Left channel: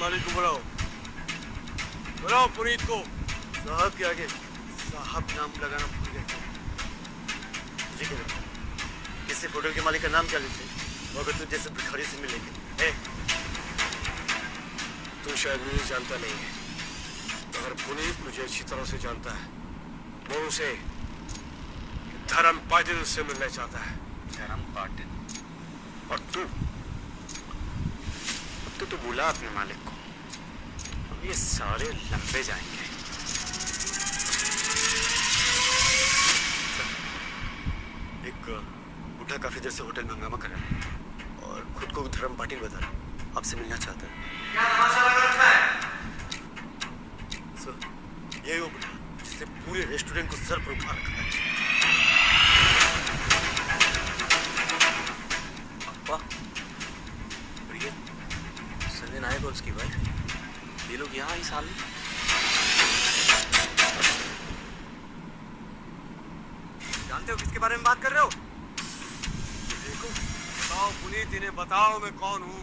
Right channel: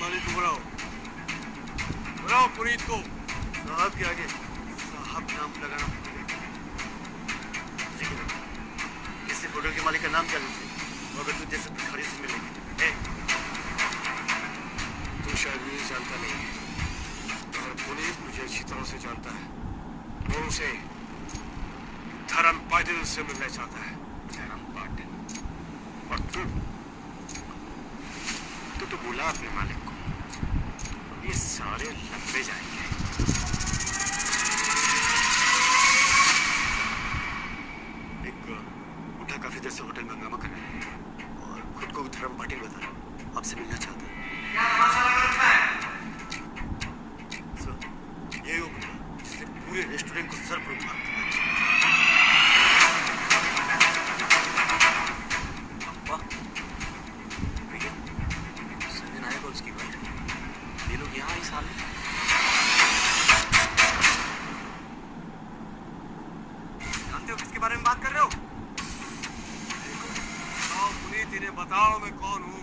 मालिक को बुलाओ, बुलाओ पुनीत को। साहब के आगे साहब नाम लगाना भूल गए। जी करो, किसी होटल के मालिक का नाम क्या लेते? मगर तू जैसे भिखारी से मिलेगी। तू शायद मुझे जानता नहीं है, मगर पुनीत मुझे अच्छी तरह से जानता है। वो उसे धर्म पाटिल से मिलना चाहता है। धर्म पाटिल? और तू तो बोला अपने मालिक को, अब ये सारे लंबे जाएंगे। एक बूढ़ा काफी देर से होटल में हंगामा कर रहा है और खुद को धर्म पाटिल बता रहा है, आपसे मिलना चाहता है। सर, यही वो बूढ़ा जिसने पूरे रेस्टोरेंट को सर पर उठा रखा है। नायक और उसकी वाइफ, ये लोग यहाँ इस हाल में। जानते हो किसके बारे में बात कर रहे हो? देखो, बताओ पुनीत, इन्हें बताओ मैं कौन हूँ।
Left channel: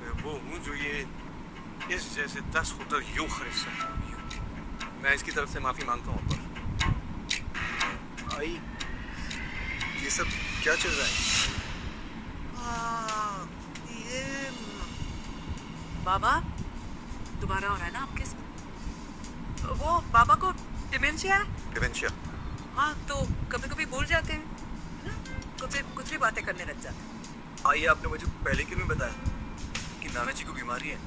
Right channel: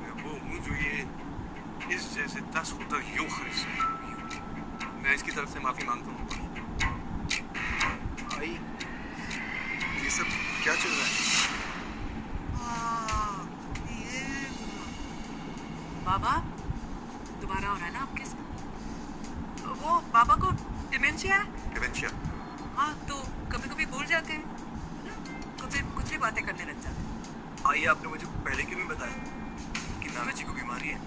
मैं वो हूँ जो ये इस जैसे 10 होटल यूं खरीद सकता हूँ। मैं इसकी तरफ से माफी मांगता हूँ। भाई, ये सब क्या चल रहा है? बाबा दोबारा हो रहा है ना आपके साथ? वो बाबा को डिमेंशिया है। डिमेंशिया? हाँ, तो कभी कभी भूल जाते हैं, कुछ ही बातें करने लग जाते हैं। आइए, आपने मुझे पहले क्यों नहीं बताया कि नाना जी को बीमारी है?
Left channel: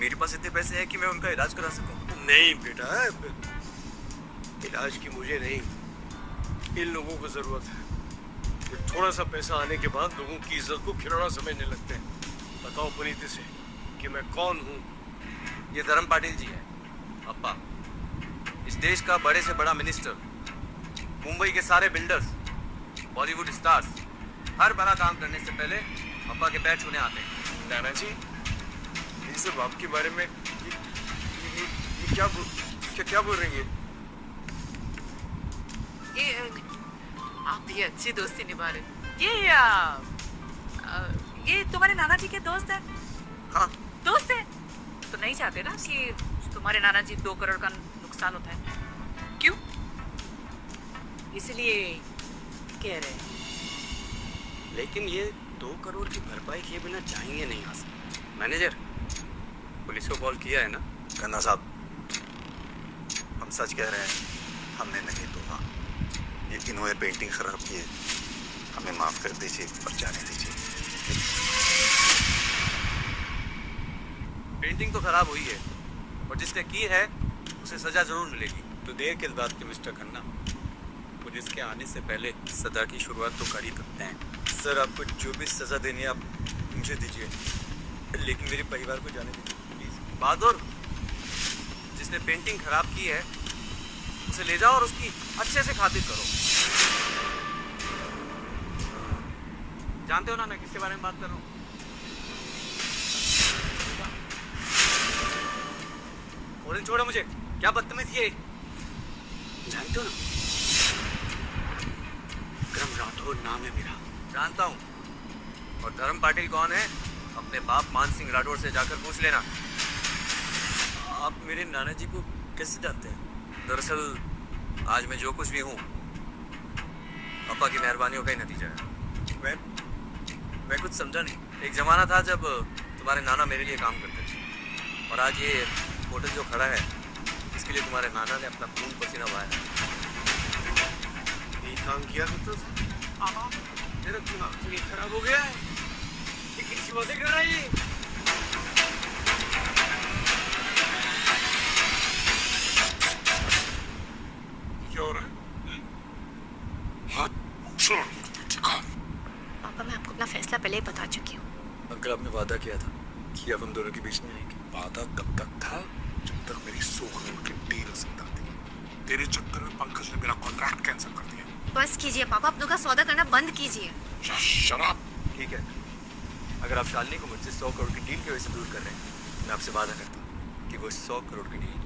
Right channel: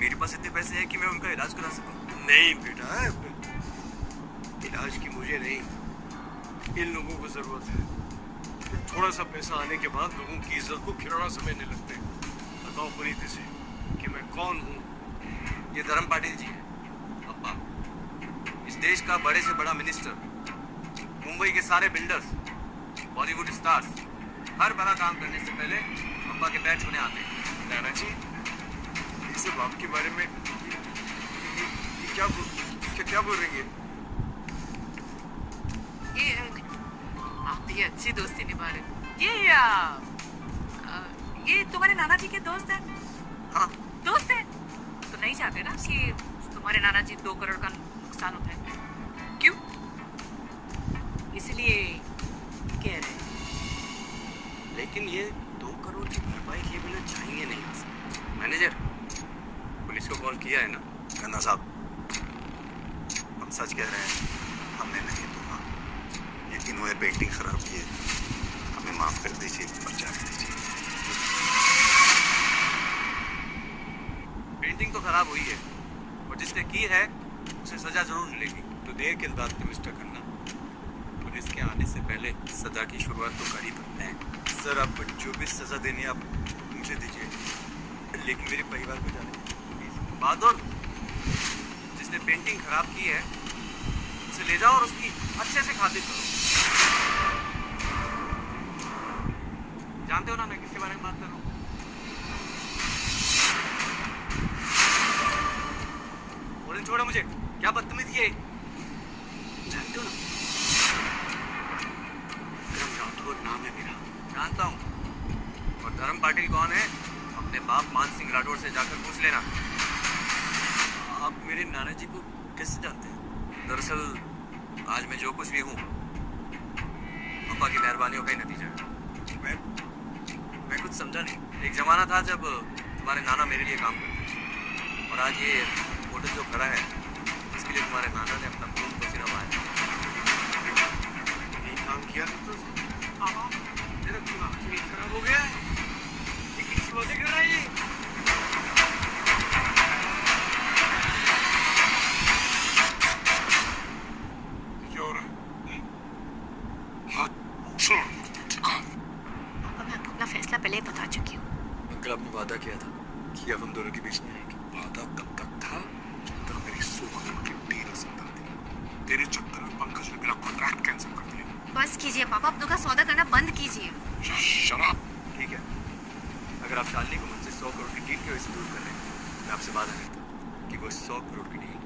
मेरे पास इतने पैसे हैं कि मैं उनका इलाज करा सकूं। नहीं बेटा, इलाज की मुझे नहीं, इन लोगों को जरूरत है। थोड़ा सा पैसा आने के बाद लोगों की इज्जत को खिलौना समझने लगते हैं। बताओ पुनीत से कि मैं कौन हूँ? ये धर्म पाटिल जी है, अप्पा। इस देश का बड़े से बड़ा मिनिस्टर, मुंबई के सारे बिल्डर्स, बॉलीवुड स्टार्स, हर बड़ा काम करने से पहले अप्पा के पैर छूने आते हैं। नाना जी, ये सब आपके बारे में ये क्या बोल रही है? ये आप ये अच्छी दोस्ती निभा रहे। ये तुम्हारे नाना जी के दोस्त हैं? हाँ, दोस्त है तो नहीं चाहते ना कि तुम्हारे नाना जी 2 करोड़ का नुकसान उठाए? क्यों? इसलिए कह रहे हैं। लेकिन ये 2 करोड़ की भरपाई किए बिना जाएंगे नहीं आ सकते। मैनेजर, पुलिस को कॉल किया है ना? खन्ना साहब, हम सच कह रहे हैं, हमने नहीं तोड़ा। ये इन्होंने पेंटिंग खराब की है, हमें माफ कर दीजिए और जाने दीजिए। पेंटिंग तो खराब हुई है और जिसने की है उसे सजा जरूर मिलेगी। तो देर किस बात की मिस्टर खन्ना? पुलिस के आने से पहले सजा की शुरुआत तो कर ही सकते हैं। सर, आपको जो भी सजा देनी है आप मुझे दीजिए, लेकिन मेरे परिवार को जाने दीजिए प्लीज। बहादुर, जिसने पेंटिंग खराब की है उसे ले जाओ और उसकी अच्छे से खातिर करो। जानते हो ना मैं किसके बारे में बात कर रहा हूँ? और छोड़ो मुझे, क्या बदतमीज ये। जानते हो ना, विक्रम राठौर नाम है मेरा। जानता हूँ। और धर्म पाटिल कौन है? अपने बाप मान सिंह राठौर से जाकर पूछ लेना। आप मेरे नाना जी को कैसे जानते हैं? दरअसल आज मैं जो कुछ भी हूँ पापा की मेहरबानियों का ही नतीजा है। मैं कुछ समझा नहीं। एक जमाना था जब तुम्हारे नाना मेरे लिए काम करते थे, और आज ये होटल जो खड़ा है इसके लिए तुम्हारे नाना ने अपना खून पसीना बहाया। ये काम किया करता था। तेरा दिमाग तो नहीं खराब हो गया है? ये किसी बातें कर रहा है ये? क्या हो रहा है? हाथ छोड़। पापा, मैं आपको अपना फैसला पहले ही बता चुकी हूँ। अंकल, आपने वादा किया था कि अब हम दोनों के बीच में आएंगे। वादा तब तक था जब तक मेरी 100 करोड़ की डील जिंदा थी। तेरे चक्कर में पंकज ने मेरा कॉन्ट्रैक्ट कैंसिल कर दिया। बस कीजिए पापा, अपनों का सौदा करना बंद कीजिए। शराब। ठीक है, अगर आप शालिनी को मुझसे 100 करोड़ की डील की वजह से दूर कर रहे हैं, मैं आपसे वादा करता हूँ कि वो 100 करोड़ की डील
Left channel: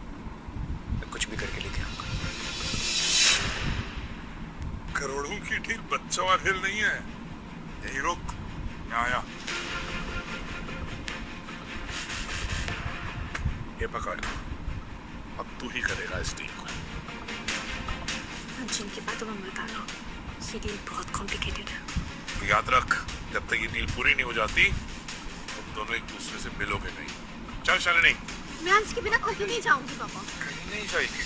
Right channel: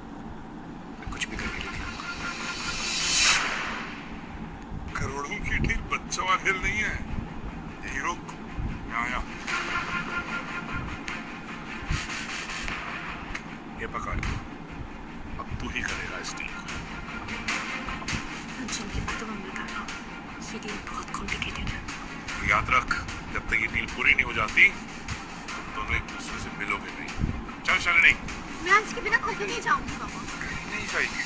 मैं कुछ भी करके लेके आऊंगा। करोड़ों की डील बच्चों वाला खेल नहीं है। यही रुक, मैं आया। ये पकड़, अब तू ही करेगा इस डील को। जिनकी बातों में मत आना, ये डील बहुत कॉम्प्लिकेटेड है। याद रख, जब तक ये डील पूरी नहीं हो जाती तुम दोनों एक दूसरे से मिलोगे नहीं। चल शालिनी। मैं इसके बिना कहीं नहीं जाऊंगी पापा। कहीं नहीं जाएगी,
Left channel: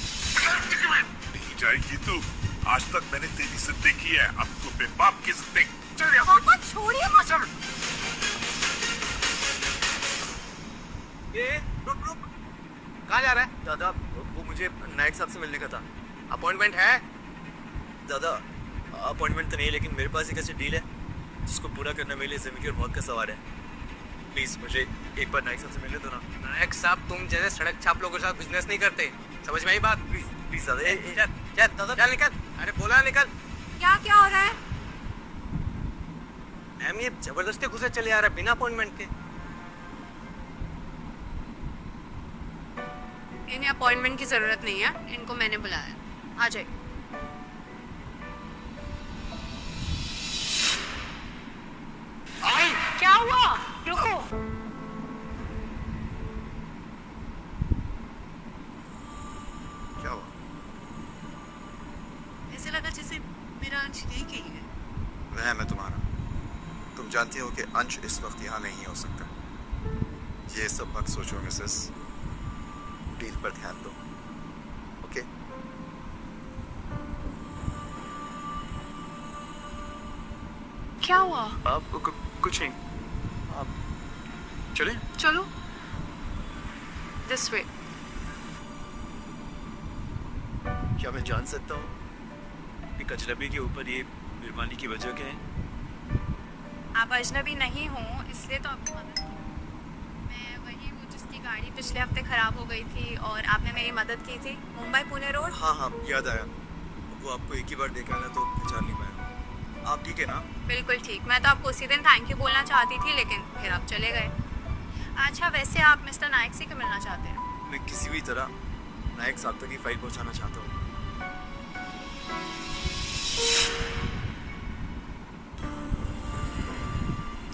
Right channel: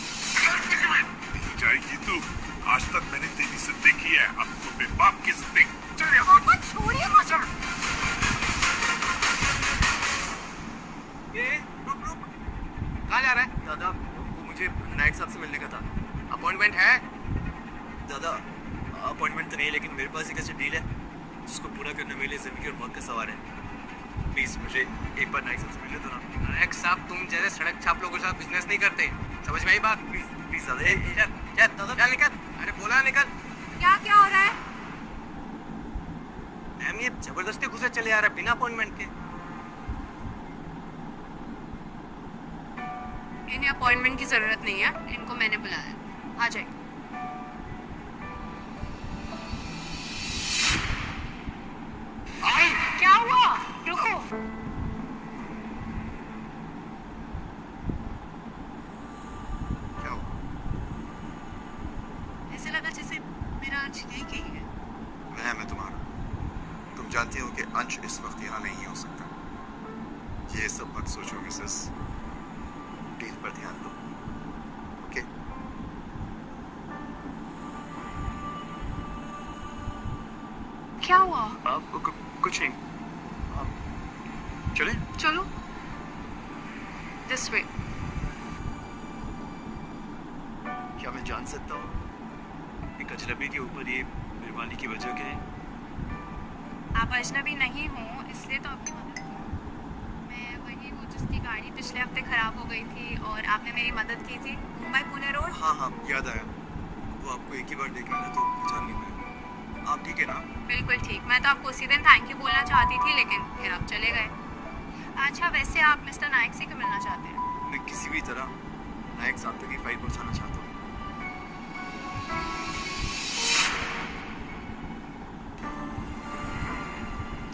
नहीं जाएगी तू। आज तक मैंने तेरी जिद्दी की है, अब तू अपने बाप की जिद्दी। चल यहाँ पापा छोड़िए मुझे। ये रुक रुक, कहाँ जा रहा है? दादा वो मुझे नायक साहब से मिलने का था। अपॉइंटमेंट है? दादा अपॉइंटमेंट तो नहीं, लेकिन मेरे पास एक ऐसी डील है जिसको पूरा करना मेरे लिए जिंदगी और मौत का सवाल है। प्लीज मुझे एक बार नायक साहब से मिलने दो ना। नायक साहब तुम जैसे सड़क छाप लोगों के साथ बिजनेस नहीं करते, समझ में आई बात? प्लीज प्लीज दादा। चल चल दादा, चल निकल। अरे बोला निकल। क्या क्या हो रहा है? मैम ये जबरदस्ती घुसे चले आ रहा है बिना अपॉइंटमेंट के। इन्हें अपॉइंटमेंट की जरूरत नहीं है, इनको मैंने बुलाया है। आ जाइए। क्या हुआ? रुको। क्या हुआ? ऐसे लगा जैसे मेरा अंश ठीक ही है। वह मैं तुम्हारा। तुम जानती हो कि अंश इस वक्त यहाँ नहीं हो सकता। ये सब मत सोचो मिसेस, डील पर ध्यान दो। ओके? क्या हुआ? आप कुछ नहीं, आप चले। चलो दिस वे। क्या मैं जान सकता हूँ कि अजनबी के ऊपर ये मेहरबानी की वजह क्या है? आप अजनबी नहीं हो इसलिए तो आपकी मदद की। मैं वही हूँ जिसकी गाड़ी पिछले हफ्ते खराब हो गई थी और आपने मेरी मदद की थी, मुंबई पुणे रोड। हाँ हाँ याद आया, वो आपको एक ही बार देखा ना तो पहचान नहीं पाया। आप ठीक है ना? बिल्कुल ठीक। मैं तो आपको उसी दिन थैंक यू बोलना चाहती थी, लेकिन फिर आप चले गए। अच्छा वैसे आप मिस्टर नायक से क्यों मिलना चाहते हैं? मैं किसी भी तरह नायक साहब तक की फाइल पहुंचाना चाहता हूँ।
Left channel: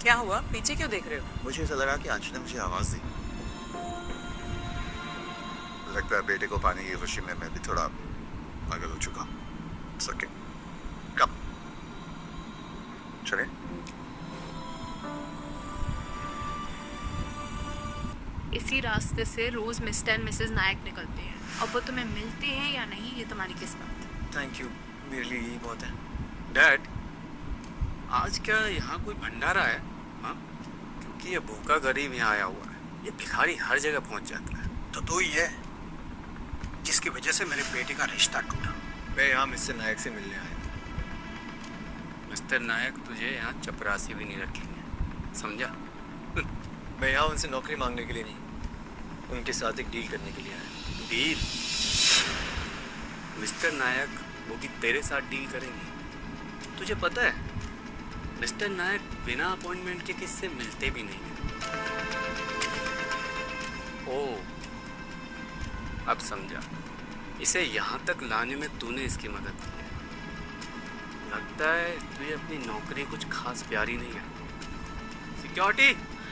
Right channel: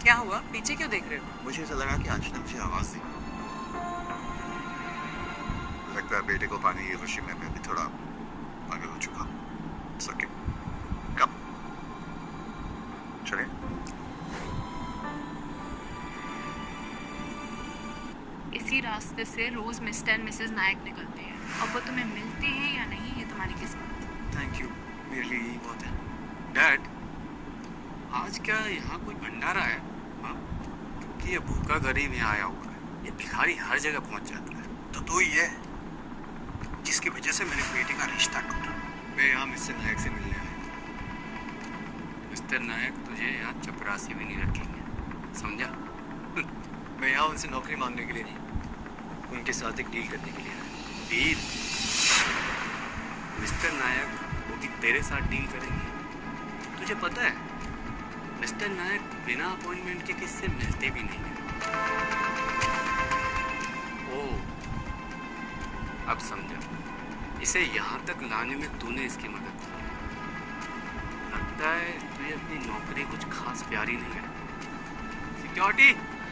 क्या हुआ? पीछे क्यों देख रहे हो? मुझे ऐसा लगा कि अंश ने मुझे आवाज दी। लगता है बेटे को पाने की खुशी में मैं भी थोड़ा पागल हो चुका हूँ। सके कब चले? इसी रास्ते से रोज मिस्टर एंड मिसेस नायक निकलते हैं। अब वो तुम्हें मिलते हैं या नहीं ये तुम्हारी किस्मत। थैंक यू, मेरे लिए यही बहुत है। डैड, आज क्या यहाँ कोई भंडारा है? हाँ, क्योंकि ये भूखा गरीब यहाँ आया हुआ है। ये भिखारी हर जगह पहुँच जाता है। तो तू ही है जिसकी वजह से मेरे बेटे का रिश्ता टूटा। मैं यहाँ मिस्टर नायक से मिलने आया। मिस्टर नायक तुझे यहाँ चपरासी भी नहीं रखेंगे, समझा? मैं यहाँ उनसे नौकरी मांगने के लिए नहीं, उनके साथ एक डील करने के लिए आया। डील? मिस्टर नायक वो भी तेरे साथ डील करेंगे? तुझे पता है मिस्टर नायक बिना अपॉइंटमेंट के किससे मिलते भी नहीं हैं। ओह, अब समझा। इसे यहाँ तक लाने में तूने इसकी मदद की है। लगता है तुझे अपनी नौकरी कुछ खास प्यारी नहीं है। सिक्योरिटी।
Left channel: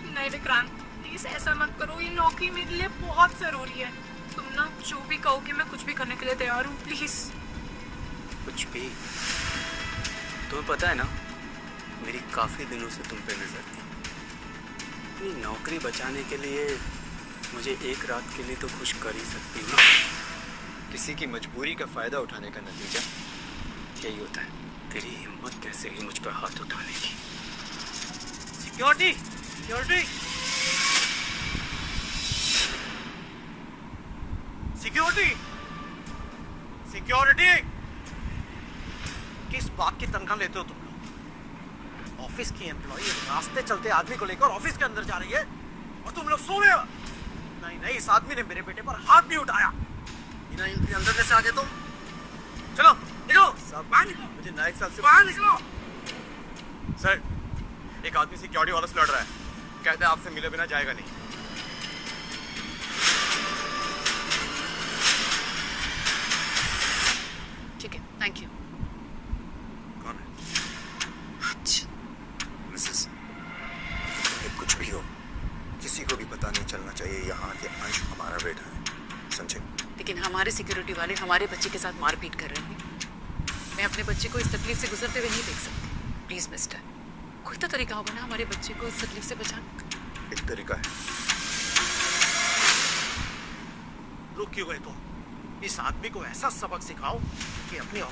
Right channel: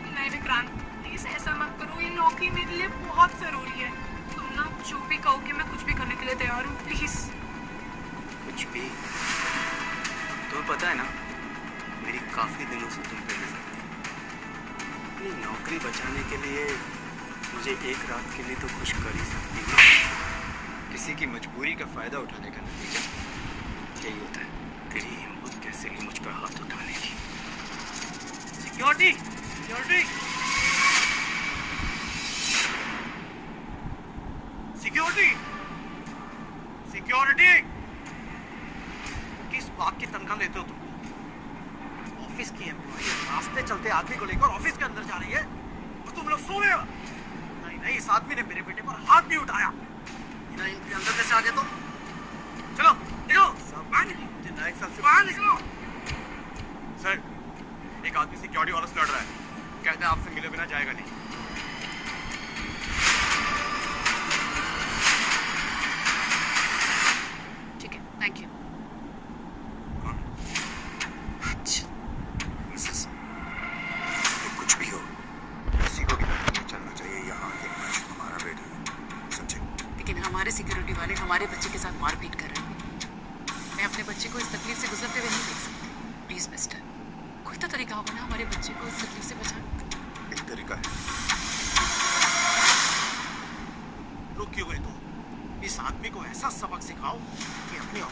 नहीं विक्रांत प्लीज ऐसा मत करो, ये नौकरी मेरे लिए बहुत जरूरी है। तुम ना जो भी कहोगे मैं कुछ भी करने के लिए तैयार हूँ, प्लीज। कुछ भी? तुम्हें पता है ना मेरी काफी दिनों से तुम पे नजर थी। अपनी नौकरी बचाने के लिए मुझे एक रात के लिए तो खुश कर ही सकती हूँ। किसी की मजबूरी का फायदा उठाने का नतीजा यही होता है। तेरी हिम्मत कैसे ही मुझ पर हाथ उठाने की। Security, security, security, security. किस बात की तनख्वाह लेते हो तुम लोग? ऑफिस की एम्प्लॉई रास्ते चलते आदमी को लेकर ऑफिस के अंदर जा रही है और तुम लोग सो रहे हो। नहीं नहीं, इस आदमी ने मेरे बेटे पर हाथ भी उठाया। बिना एंट्री अंदर कैसे आ गए? तो चलो निकलो, बाहर निकलो। मुझे नायक साहब से बाहर निकलो। सर एक आदमी सिक्योरिटी वालों से लड़ रहा है, कहते हैं आपसे मिले बिना जाएगा नहीं। ठीक है, थैंक यू। कौन है? मिसेस, ये कुछ भी हो किसी को भी पता नहीं चलना चाहिए यहाँ के अंश हमारा बेटा है। लेकिन हमारे सिक्योरिटी वाले हमारे बच्चे के साथ मारपीट कर रहे हैं। मैं अपने बच्चे को इस तकलीफ से गुजरते हुए नहीं देख सकती। प्लीज मिस्टर, कोई तो तरीका होगा ना हमारे बच्चे को इस तकलीफ से बचाने का। एक तरीका है। रुक क्यों गए तुम? इस आदमी को ऐसा सबक सिखाओ कि अपनी